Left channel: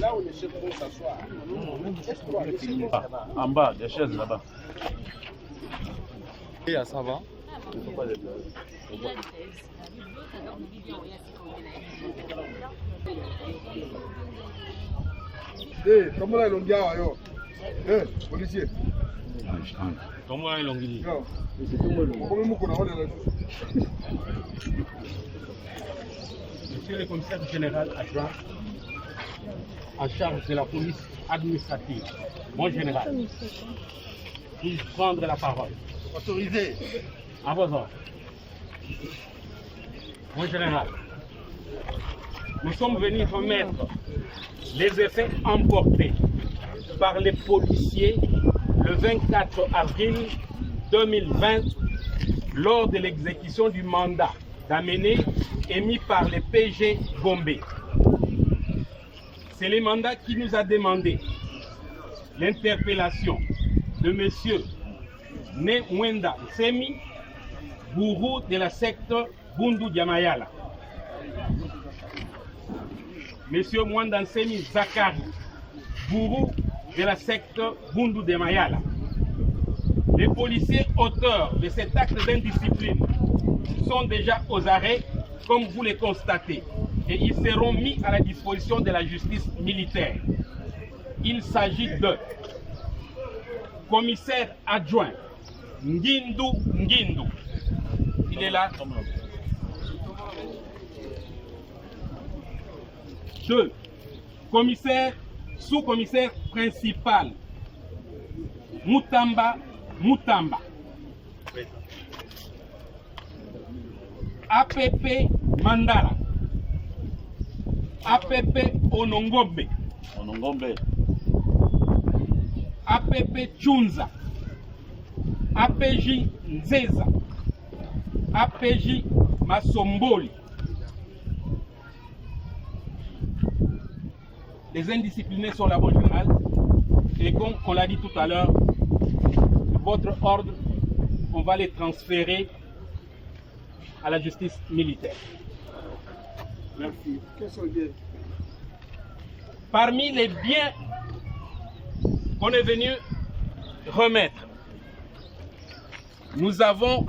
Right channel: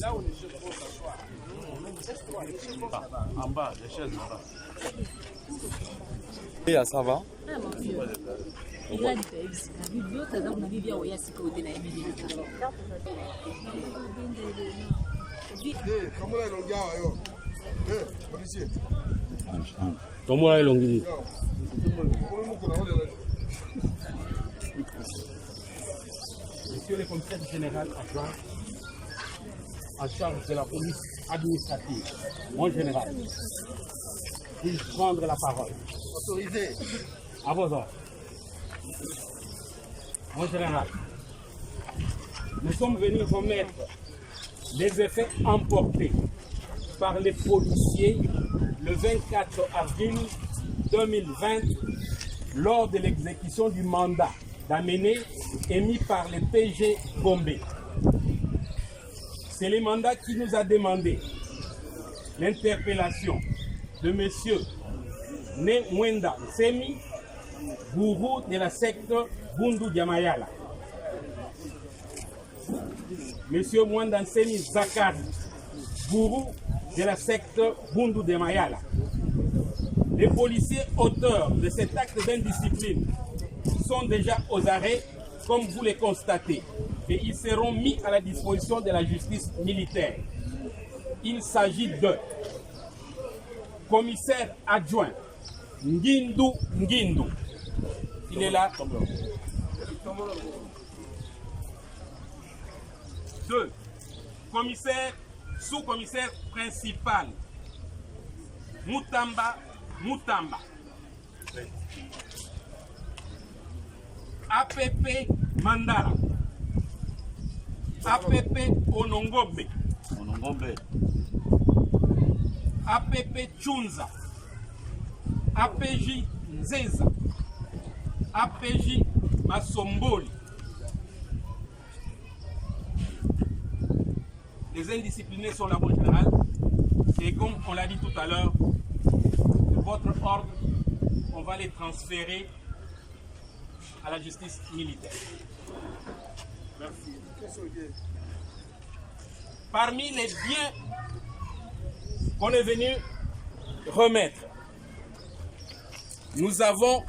Là où les chefs vont s'asseoir. En bas, des chaises là-bas. Et ça va? Comment là, l'on gars, yo? Policier. Comment là, l'on dit? Monsieur le commissaire général adjoint en charge de la police administrative, mon général, puis prendre la parole. Autorisé. À vos ordres. Mon général, nous sommes venus remettre les effets emportés par les policiers le 24 avril 2020 lors de l'exécution du mandat d'amener émis par le PG Gombe. C'est le mandat qui nous a demandé l'interpellation de M. Ne Mwenda Nsemi, gourou de la secte Bundu Diamayala. M. Mwenda Nsemi Zakari, gourou de la secte Bundu Diamayala. Les policiers auteurs de cet acte d'indiscipline sont déjà aux arrêts, comme vous le constatez, et ils seront mis à la disposition de la justice militaire. Il s'agit de commissaire adjoint Ngindu Ngindu. Il est là. 2. Commissaire, sous-commissaire principal Mutamba Mutamba. APP Mandara. APP Onongombe. Onongombe. APP Chunza. APJ Nzeza. APJ Masomboli. Les indisciplinés sont là, mon général. Et comme on l'a dit tout à l'heure, de votre ordre, on va les transférer à la justice militaire. Merci. Quels sont les biens? Parmi les biens qu'on est venu remettre, nous avons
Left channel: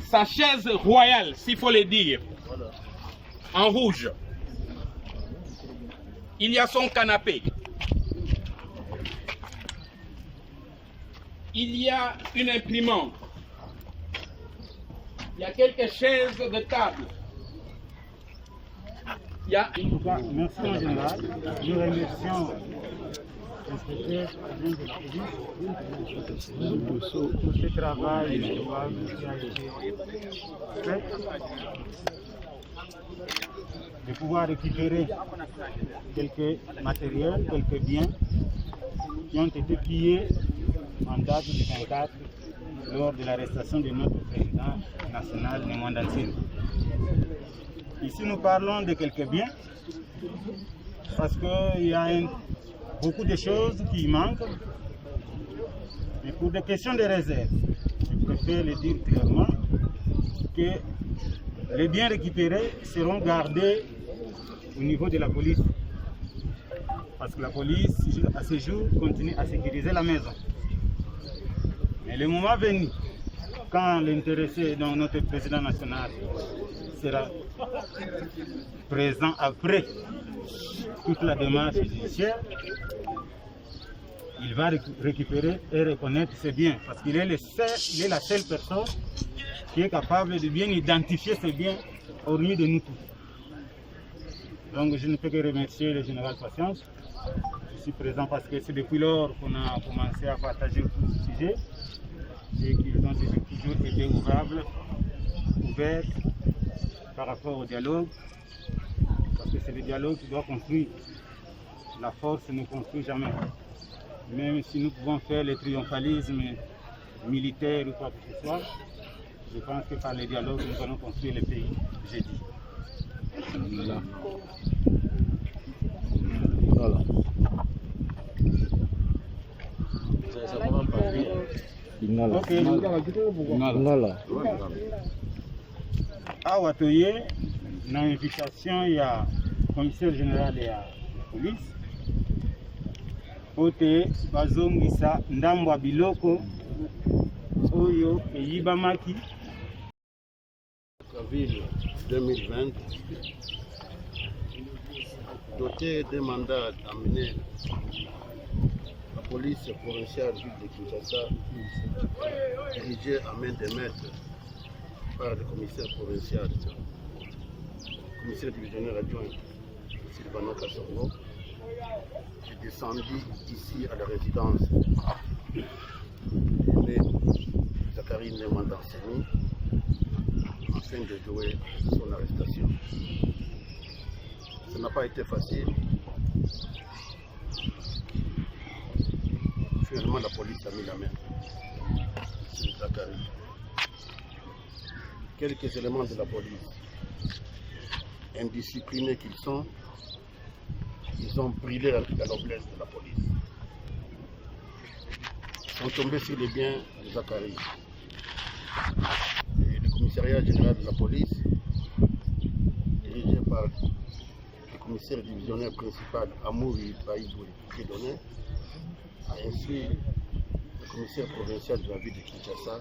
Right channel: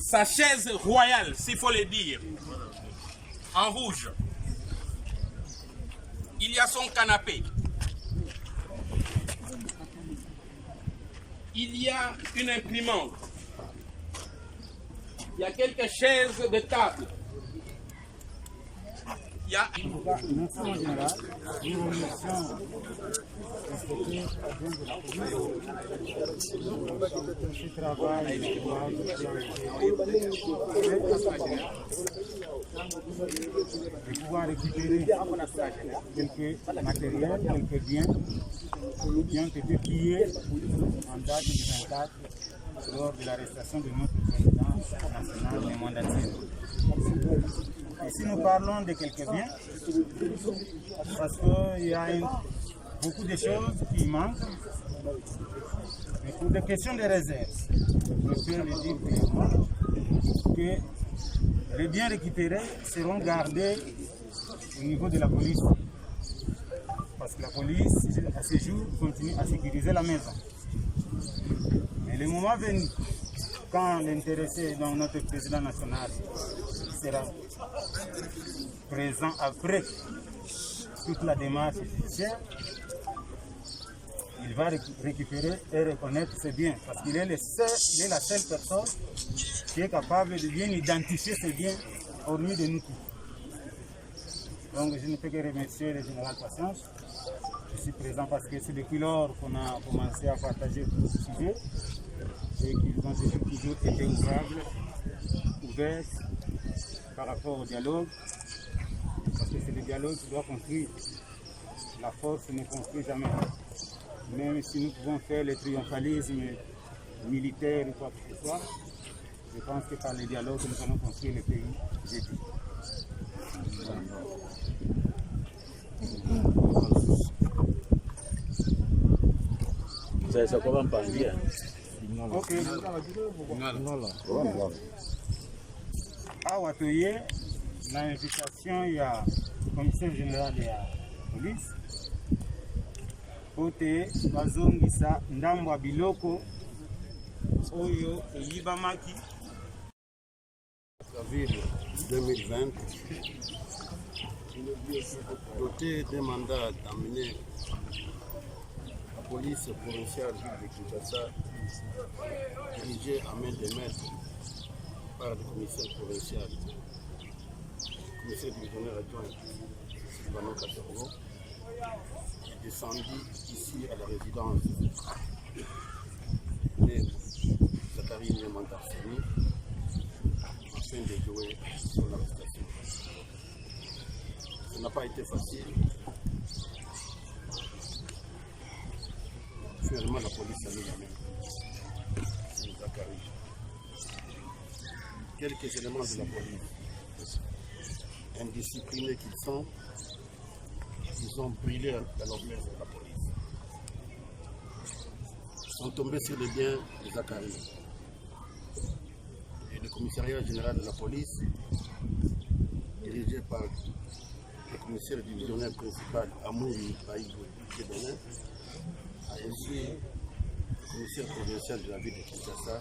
sa chaise royale, s'il faut le dire, en rouge. Il y a son canapé. Il y a une imprimante. Il y a quelques chaises de table. Il y a une... Merci en général. Nous remercions l'inspecteur adjoint de la police pour ce travail qui a été fait, de pouvoir récupérer quelques matériels, quelques biens qui ont été pillés en date du 24 lors de l'arrestation de notre président national, Mwenda Nsemi. Ici, nous parlons de quelques biens parce qu'il y a beaucoup de choses qui manquent. Mais pour des questions de réserve, je préfère le dire clairement que les biens récupérés seront gardés au niveau de la police. Parce que la police, à ce jour, continue à sécuriser la maison. Mais le moment venu, quand l'intéressé, donc notre président national, sera présent après toute la démarche judiciaire, il va récupérer et reconnaître ses biens. Parce qu'il est, il est la seule personne qui est capable de bien identifier ses biens, hormis de nous tous. Donc je ne peux que remercier le général Patience. Je suis présent parce que c'est depuis lors qu'on a commencé à partager autour du sujet et qu'ils ont toujours été ouverts par rapport au dialogue. Parce que c'est le dialogue qui doit construire. La force ne construit jamais. Même si nous pouvons faire le triomphalisme militaire ou quoi que ce soit, je pense que par le dialogue, nous allons construire le pays, j'ai dit. Ça commence par dire. Ok. À Watoye, na invitation, il y a le commissaire général et la police. Ote bazongisa ndambo biloko oyo eyibamaki. La ville 2020, dotée d'un mandat d'amener la police provinciale ville de Kinshasa, dirigée à main de maître par le commissaire provincial, commissaire divisionnaire adjoint Sylvano Kassongo, est descendu ici à la résidence de Zachary Nemandanseni afin de jouer son arrestation. Ça n'a pas été facile. Finalement, la police a mis la main sur Zachary. Quelques éléments de la police, indisciplinés qu'ils sont, ils ont brûlé la noblesse de la police. Ils sont tombés sur les biens de Zachary. Et le commissariat général de la police, dirigé par le commissaire divisionnaire principal Amouri Baïdoué Kédoné, a instruit le commissaire provincial de la ville de Kinshasa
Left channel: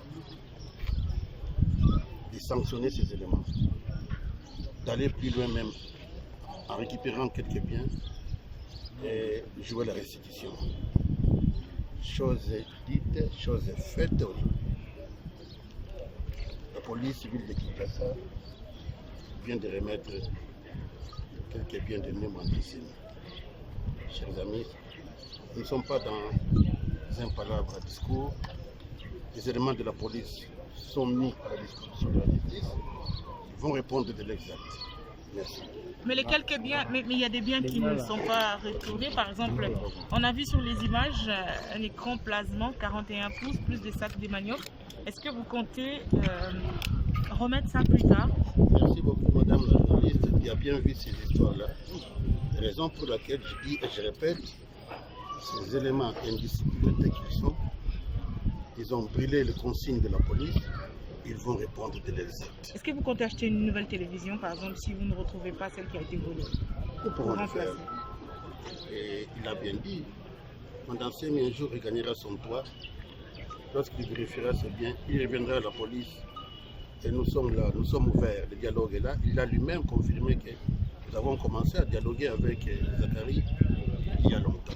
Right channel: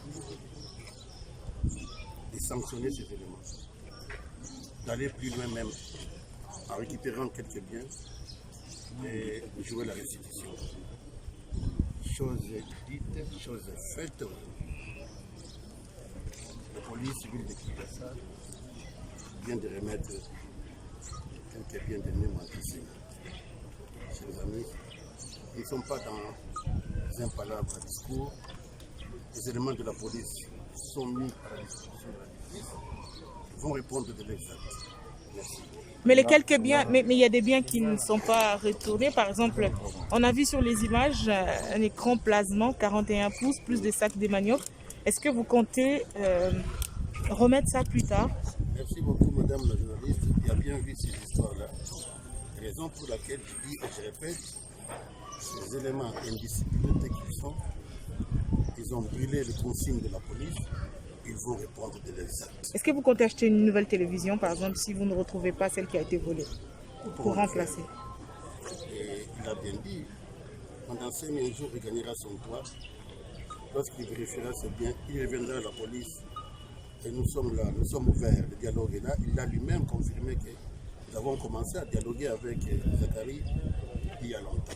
de sanctionner ces éléments, d'aller plus loin même en récupérant quelques biens et jouer la restitution. Chose dite, chose faite aujourd'hui. La police civile de Kinshasa vient de remettre quelques biens de Nemandanseni. Chers amis, nous ne sommes pas dans un palabre à discours. Les éléments de la police sont mis à la disposition de la justice. Ils vont répondre de l'exact. Merci. Mais les quelques biens, mais il y a des biens qui ne sont pas retournés. Par exemple, on a vu sur les images un écran plasmant 41 pouces plus des sacs de manioc. Est-ce que vous comptez remettre ça plus tard? Merci beaucoup, madame la journaliste, qui a bien vu ces histoires-là. Raison pour laquelle je dis et je répète, ces éléments indisciplinés qu'ils sont, ils ont brûlé les consignes de la police. Ils vont répondre de l'exact. Est-ce que vous comptez acheter une nouvelle télévision, par exemple, si vous ne retrouvez pas celle qui a été volée, pour remplacer? Et il a bien dit, Nemandanseni un jour regagnera son toit. Lorsqu'il vérifiera ses biens, il reviendra à la police. Et nous sommes là, nous sommes ouverts, le dialogue est là. Il a lui-même confirmé que nous avons commencé à dialoguer avec Zachary il y a longtemps.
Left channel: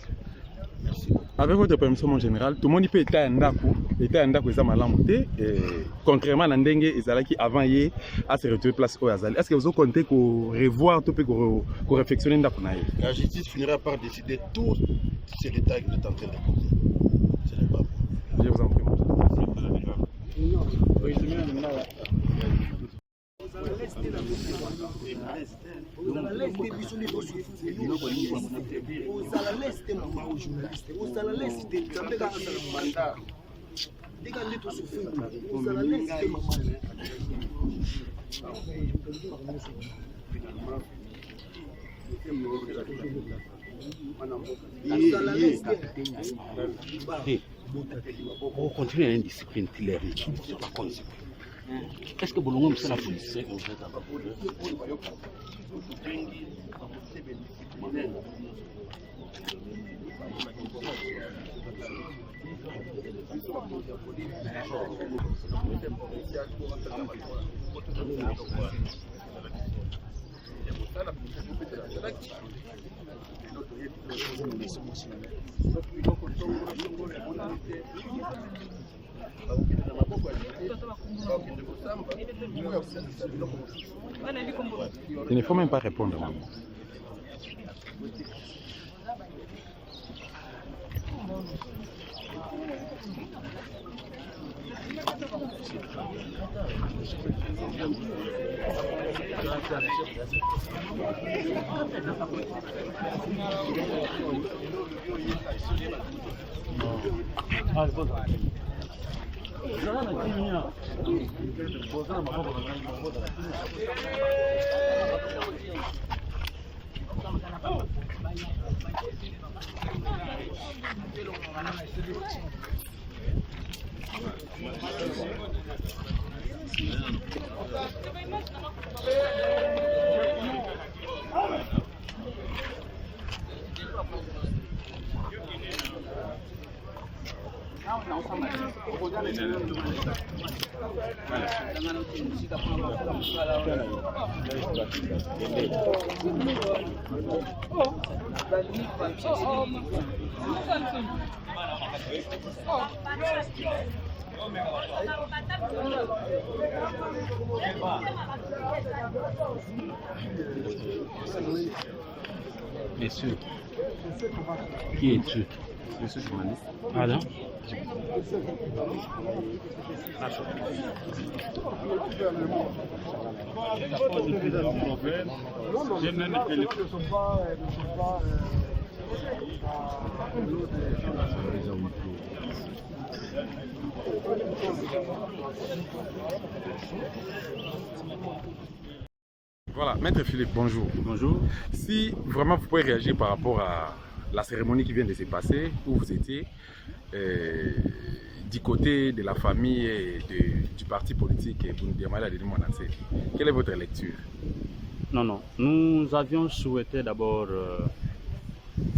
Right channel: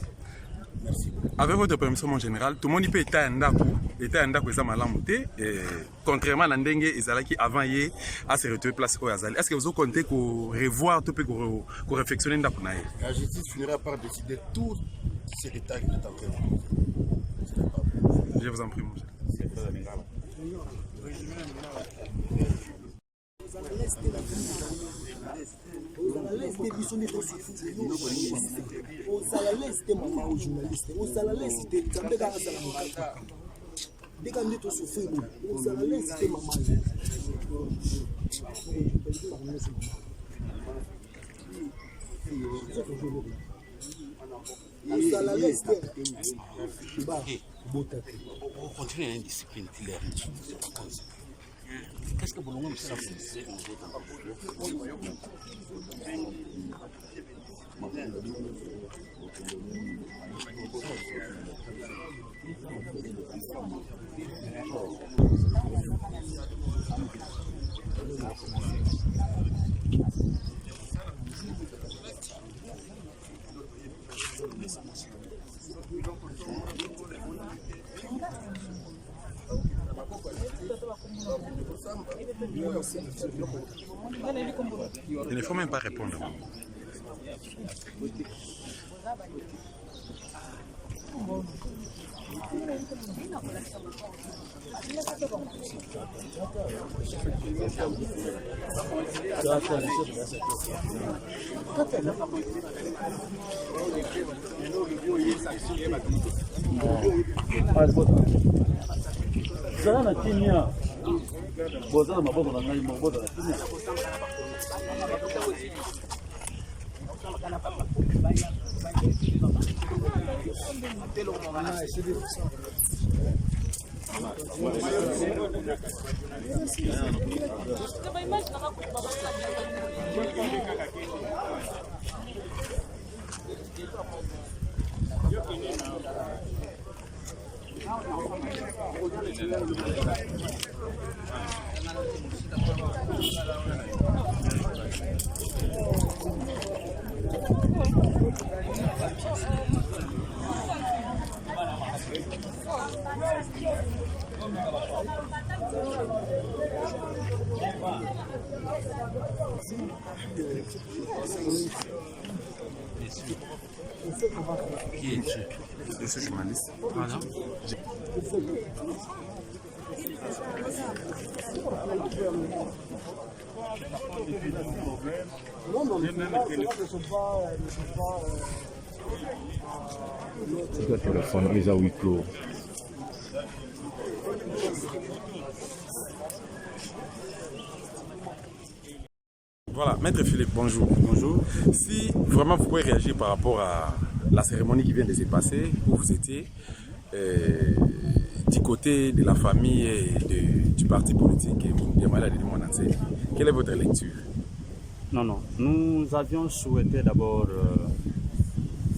Merci beaucoup. Avec votre permission, mon général, tout le monde peut être un ndaku, contrairement à Ndenge Ezalaki avant hier à se retrouver place au Azali. Est-ce que vous comptez qu'on revoir tout peu qu'on réflexionne ndaku na? La justice finira par décider tous ces détails que vous êtes en train de poser. Ce n'est pas bon. Je vous en prie, mon général. On continue l'indiscipline claire. Est-ce que vous avez la police? Il ne faut même pas répondre. Messieurs, qui es-tu? Je suis journaliste. Voilà. Les à huis clos. Voilà, Maître Philippe, bonjour. Bonjour. Si vraiment vous pouvez réagir par rapport à la cérémonie qui vient de se passer, où vous étiez, du côté de la famille et du parti politique Bundiamala de Monanse, quelle est votre lecture? Non. Nous avions souhaité d'abord,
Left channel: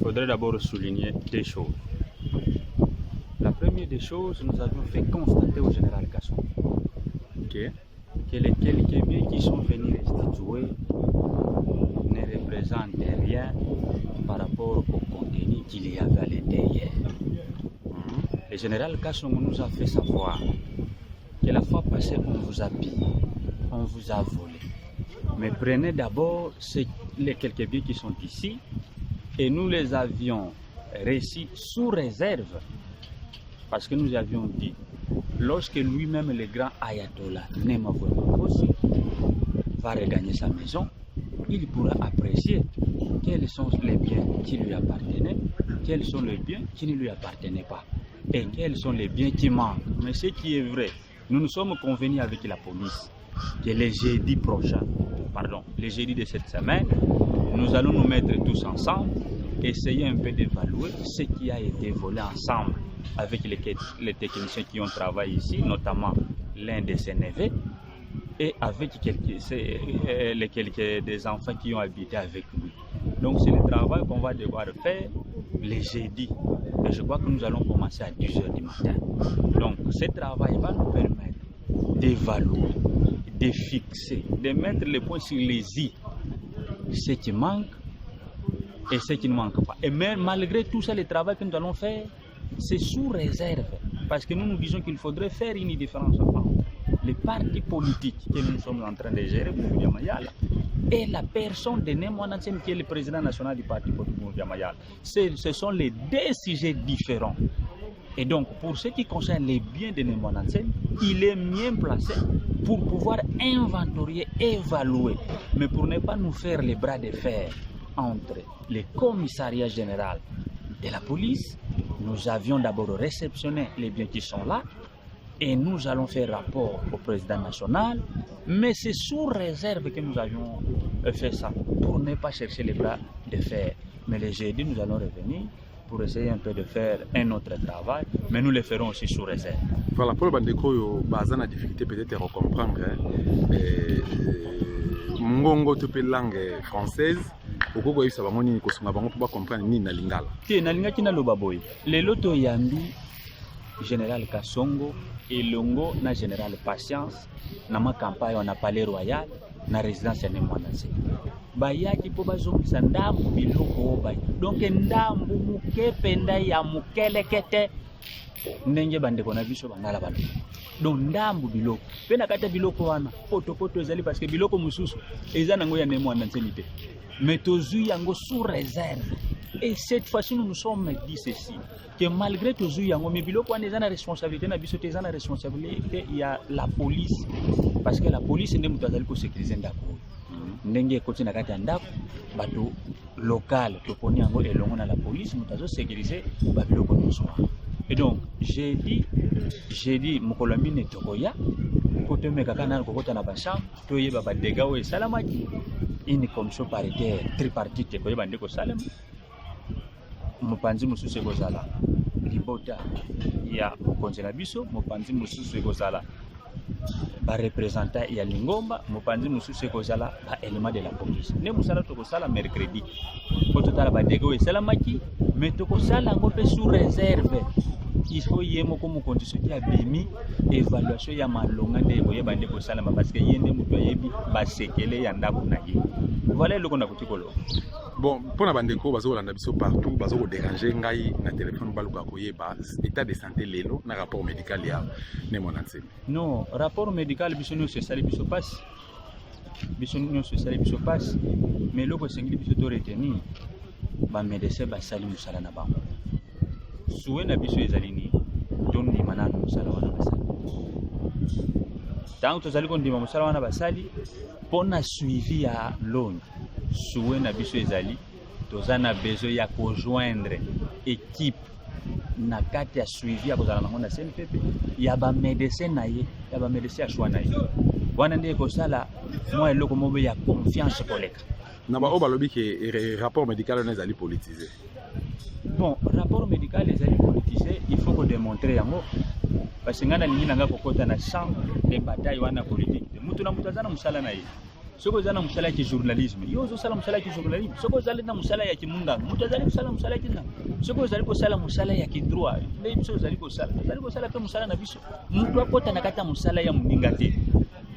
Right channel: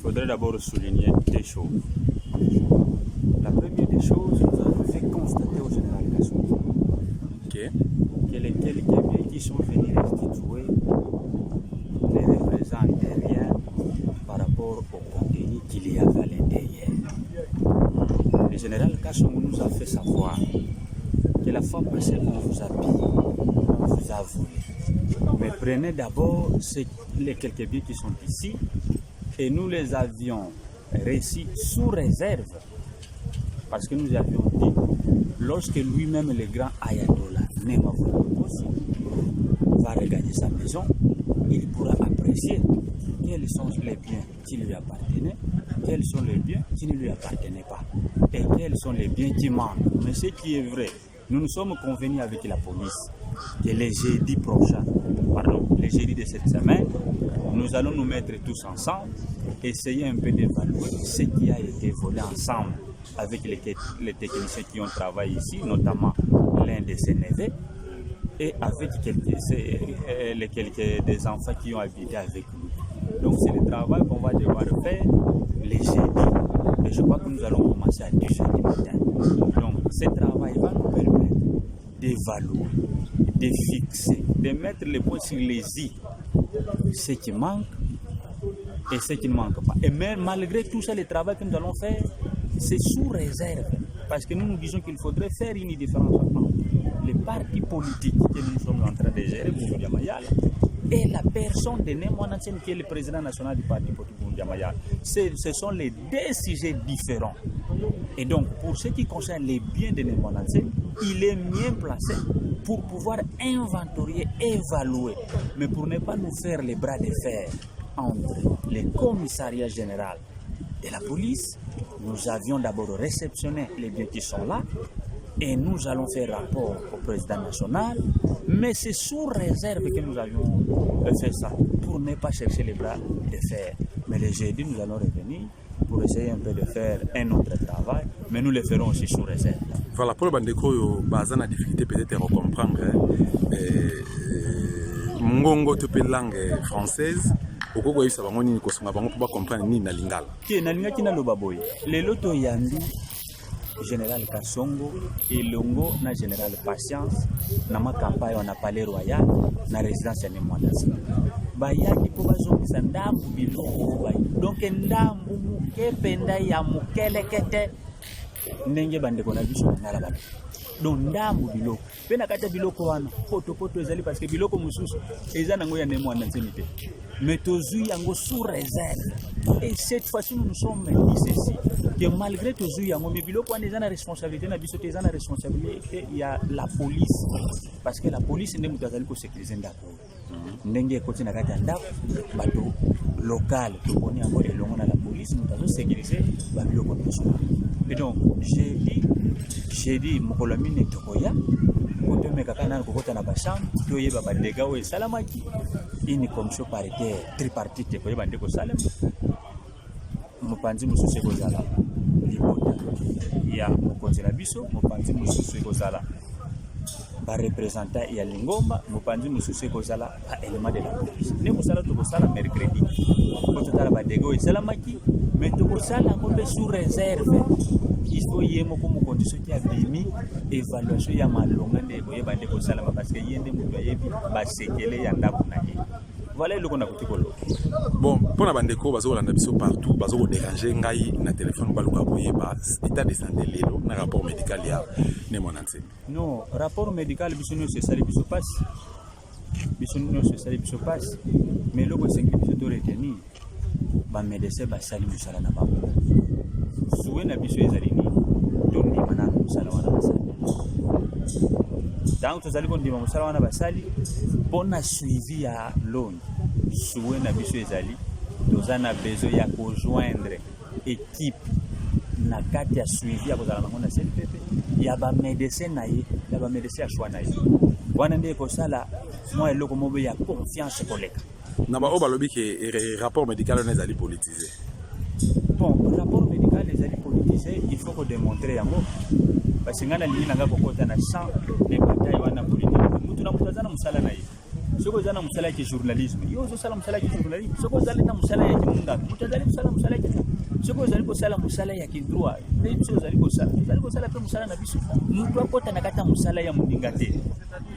faudrait d'abord souligner des choses. La première des choses, nous avons fait constater au général Kassongo que les quelques biens qui sont venus restituer ne représentent rien par rapport au contenu qu'il y avait à l'intérieur. Le général Kassongo nous a fait savoir que la fois passée, on vous a pillé, on vous a volé. Mais prenez d'abord les quelques biens qui sont ici et nous les avions reçus sous réserve. Parce que nous avions dit, lorsque lui-même, le grand ayatollah Nema Volongosi, va regagner sa maison, il pourra apprécier quels sont les biens qui lui appartenaient, quels sont les biens qui ne lui appartenaient pas, et quels sont les biens qui manquent. Mais ce qui est vrai, nous nous sommes convenus avec la police que les jeudis prochains, les jeudis de cette semaine, nous allons nous mettre tous ensemble, essayer un peu d'évaluer ce qui a été volé ensemble avec les techniciens qui ont travaillé ici, notamment l'un de ses neveux, et avec des enfants qui ont habité avec lui. Donc c'est le travail qu'on va devoir faire les jeudis. Et je crois que nous allons commencer à 10h du matin. Donc ce travail va nous permettre d'évaluer, de fixer, de mettre les points sur les i, ce qui manque et ce qui ne manque pas. Et même malgré tout ça, le travail que nous allons faire, c'est sous réserve, parce que nous nous disons qu'il faudrait faire une différence entre les partis politiques que nous sommes en train de gérer, Bundu Mayala, et la personne de Némoine Nsem qui est le président national du parti politique Bundu Mayala. Ce sont les deux sujets différents. Et donc, pour ce qui concerne les biens de Némoine Nsem, il est mieux placé pour pouvoir inventorier, évaluer, mais pour ne pas nous faire les bras de fer entre les commissariats généraux de la police. Nous avions d'abord réceptionné les biens qui sont là et nous allons faire rapport au président national, mais c'est sous réserve que nous avions fait ça, pour ne pas chercher les bras de fer. Mais les jeudis, nous allons revenir pour essayer un peu de faire un autre travail, mais nous le ferons aussi sous réserve. Voilà, pour le bandeko, basan a difficulté peut-être à comprendre. Mongongo te langue française. Okoko yisa bango nini kosunga bango pour comprendre nini na lingala. Ti na linga kina loba boy. Le loto yambi Général Kassongo elongo na Général Patience na ma campagne na Palais Royal na résidence ya Némoine Nsem. Bayaki po bazongisa ndambu biloko bay. Donc ndambu mukepe nda ya mukelekete ndenge bandeko na biso bangala balo donc ndambu biloko pe na kata biloko wana poto ezali parce que biloko mususu eza nango ya nemo wana nzemi te mais tozui yango sous réserve et cette fois-ci nous sommes dit ceci que malgré tozui yango mais biloko wana eza na responsabilité na biso te eza na responsabilité ya la police parce que la police nde mutu azali ko sécuriser ndako ndenge ekoti na kati ya ndako bato local toponi yango elongo na la police mutu azo sécuriser babiloko nyonso wana. Et donc j'ai dit mokolo mine tokoya koto mekaka na kokota na basham toyeba ba dégâts o salamaki une commission paritaire tripartite koyeba ndeko salem mopanzi mususu ekozala libota ya mokonzi na biso mopanzi mususu ekozala ba représentant ya lingomba mopanzi mususu ekozala ba élément de la police ne musala tokosala mercredi po totala ba dégâts o salamaki mais tokosala ngo pe sous réserve. Il faut y avoir comme condition qui a bimi évaluation ya malonga nde boyeba nde ko salama parce que yende mutu ayebi ba sekele ya ndako na ye. Voilà le kona kotikolo. Bon, pour na bandeko bazo kolanda biso partout, bazo ko déranger ngai na téléphone baluka koyeba état de santé lelo na rapport médical ya ne monanse. Non, rapport médical biso no se sali biso passe. Biso no se sali biso passe. Mais loko sengi biso to retenir ba médecin ba sali musala na bango. Soué na biso ezali ni toni manana musala wana basali tant tozali kondima musala wana basali pona suivi ya longi soué na biso ezali tozana besoin ya rejoindre équipe na kati ya suivi ya kozala nango na CNPP ya ba médecin na ye ya ba médecin ya choix na ye wana nde kosala moi eloko mobe ya confiance koleka na ba obalobi ke rapport médical on ezali politisé. Bon, rapport médical les alliés politisés, il faut démontrer yango parce que ngana lingi nanga kokota na champ de bataille wana politique. Mutu na mutazana musala na ye. Soko zana musala ya journalisme. Yo zo sala musala ya journalisme. Soko zali na musala ya kimunga. Mutazali musala musala ya soko zali ko sala musala ya kidroit. Nde biso zali ko sala. Zali ko sala pe musala na biso. Mutu akota na kata musala ya muninga te.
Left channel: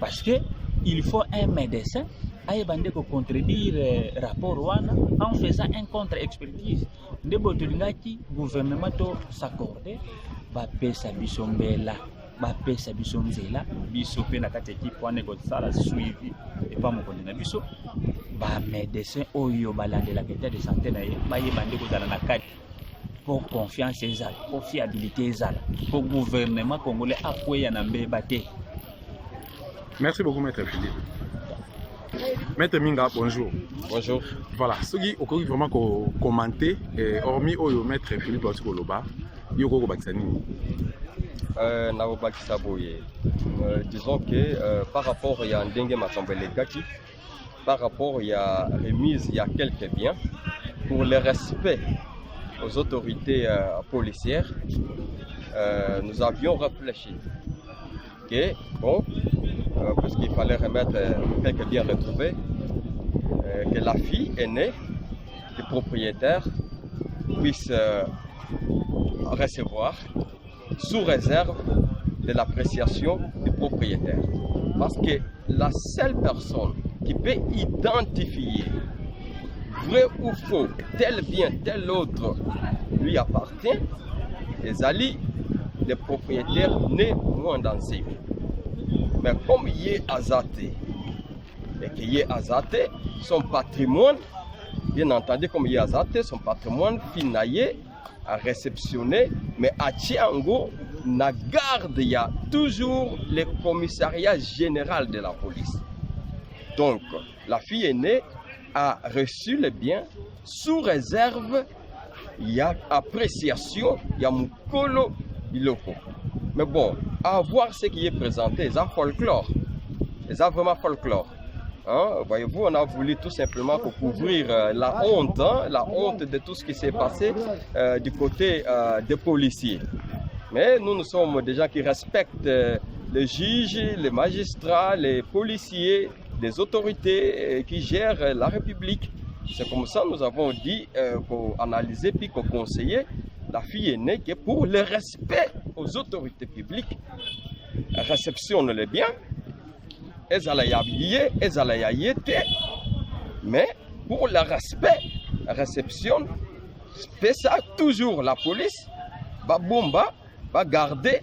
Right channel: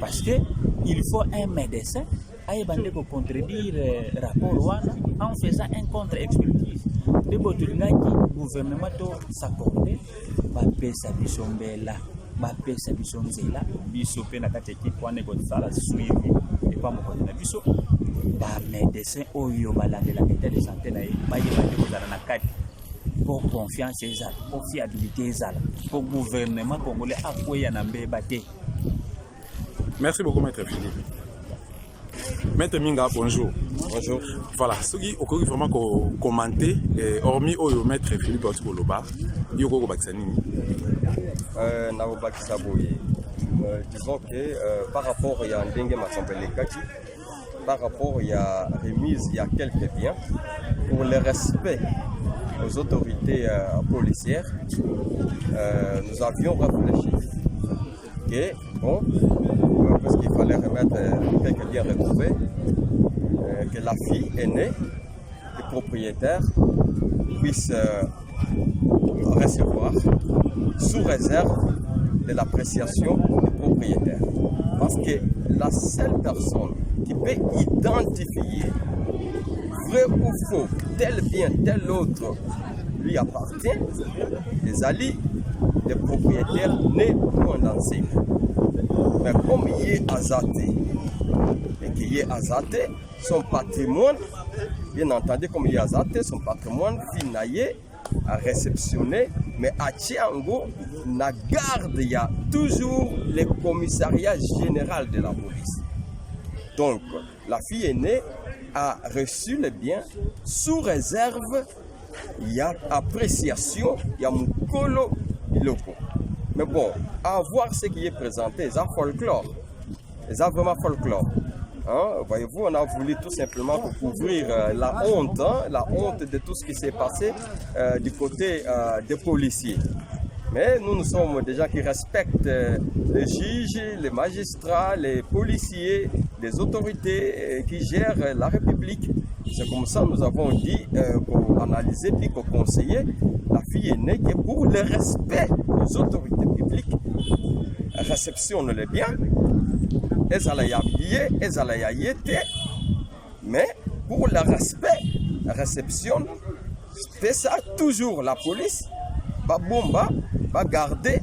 Parce que il faut un médecin aye bande ko contredire rapport wana en faisant un contre-expertise de botulingaki gouvernement to s'accorder ba pesa biso mbela ba pesa biso nzela biso pe na kati équipe wana ko sala suivi et pas mokonzi na biso ba médecin oyo balandela état de santé na ye ba ye bande ko zala na kati pour confiance ezala pour fiabilité ezala pour gouvernement congolais akoya na mbeba te. Merci beaucoup maître Philippe. Maître Minga, bonjour. Bonjour. Voilà, ce qui est vraiment commenté, hormis au maître Philippe Otikoloba, il y a disons que par rapport à Ndenge Matsambele Kaki, par par rapport à la remise, il y a quelques biens pour le respect aux autorités policières. Nous avions réfléchi que, bon, parce qu'il fallait remettre quelques biens retrouvés, que la fille aînée du propriétaire puisse recevoir sous réserve de l'appréciation du propriétaire. Parce que la seule personne qui peut identifier vrai ou faux, tel bien, tel autre lui appartient, les alliés des propriétaires nés moins dansés. Mais comme il est azaté, et qu'il est azaté, son patrimoine, bien entendu, comme il est azaté, son patrimoine finaillé à réceptionner, mais à Tiango, na garde, il y a toujours le commissariat général de la police. Donc, la fille aînée a reçu les biens sous réserve, il y a appréciation, il y a mukolo biloko. Mais bon, à voir ce qui est présenté, c'est un folklore. C'est vraiment folklore. Hein? Voyez-vous, on a voulu tout simplement pour couvrir la honte de tout ce qui s'est passé du côté des policiers. Mais nous sommes des gens qui respectent les juges, les magistrats, les policiers, les autorités qui gèrent la République. C'est comme ça que nous avons dit, pour analyser puis pour conseiller la fille aînée qui, pour le respect aux autorités publiques, réceptionne les biens, mais pour le respect, réceptionne, fait ça toujours la police, babomba, va garder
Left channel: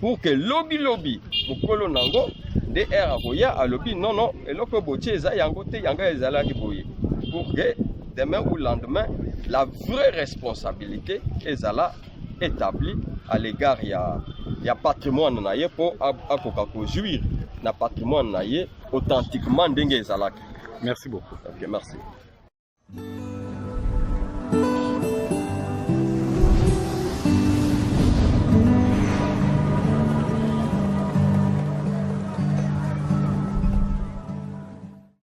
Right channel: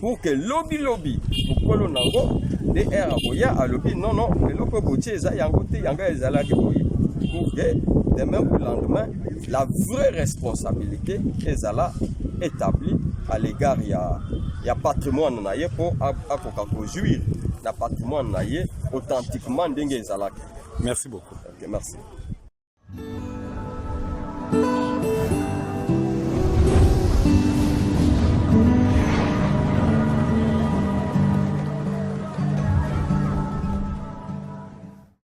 pour que lobby mukolo nango de era boya a lobby non eloko botie eza yango te yanga ezala ki boye pour que demain ou lendemain la vraie responsabilité ezala établie à l'égard ya patrimoine na ye pour akoka ko jouir na patrimoine na ye authentiquement ndenge ezalaki. Merci beaucoup. OK, merci.